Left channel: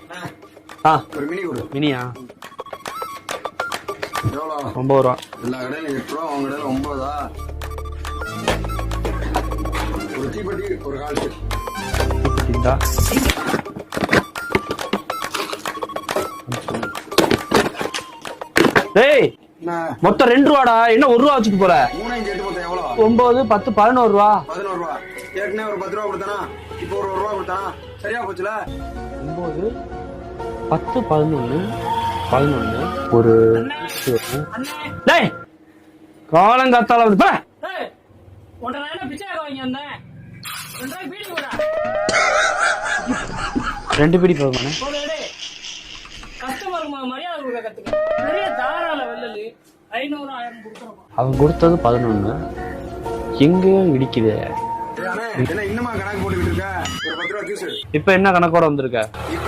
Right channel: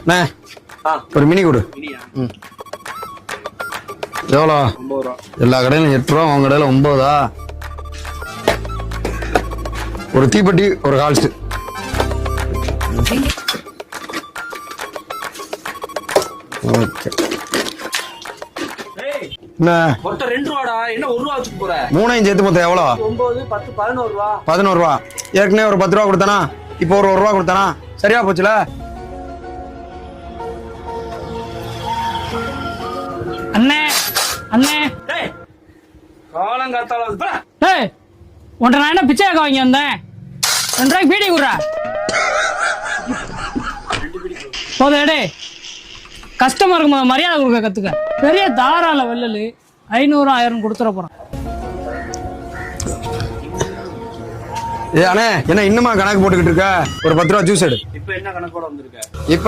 அண்ணே ஒரு மினி கொடு. மினியா? எவ்வளோ? 9 ரூபா. எல்லா கடையிலும் 8 ரூபா, உங்க கடையில 9. ஒரு தீப்பெட்டி ஒரு கால்ஸ்ட். டேய் என்ன மொத்தம் 2 ரூபாடா, என்ன 1 ரூபா வச்சுட்டு போற? மூணையும் சேர்த்து மொத்தம் எவ்வளோ? 9, 10, 11 ரூபா. 11 ரூபா. ஏற்கனவே ஒரு 10 ரூபா கொடுத்தானா, இப்போ ஒரு 1 ரூபா கொடுத்தானா, சரியா போச்சுல? 9, 10, 11 ஒரு அண்ணே அண்ணே டேய் காலங்காத்தால விடுப்பா. டேய் உன்ட்ட நான் என்ன பிச்சைக்காக வாங்கி வந்தேன்? 2 ரூபாய்க்கு பீடி குடுறா. 2 பீடி போகணும். போதே டேய், கஸ்டமருக்கு மரியாதை கொடுக்க கத்துக்க. பெரிய தாராள வெள்ளலு 500 1000 கொடுத்துட போறான். அவன் கொடுத்தது 11. எங்க இடிக்குது? ஏ அண்ணே, என்ன இன்னுமா கணக்கு போட்டுக்கிட்டு இருக்க? ஒரு 10 ரூபா ஜூஸ் எடு. இப்ப என்ன கணக்கோட வந்திருக்க? இப்ப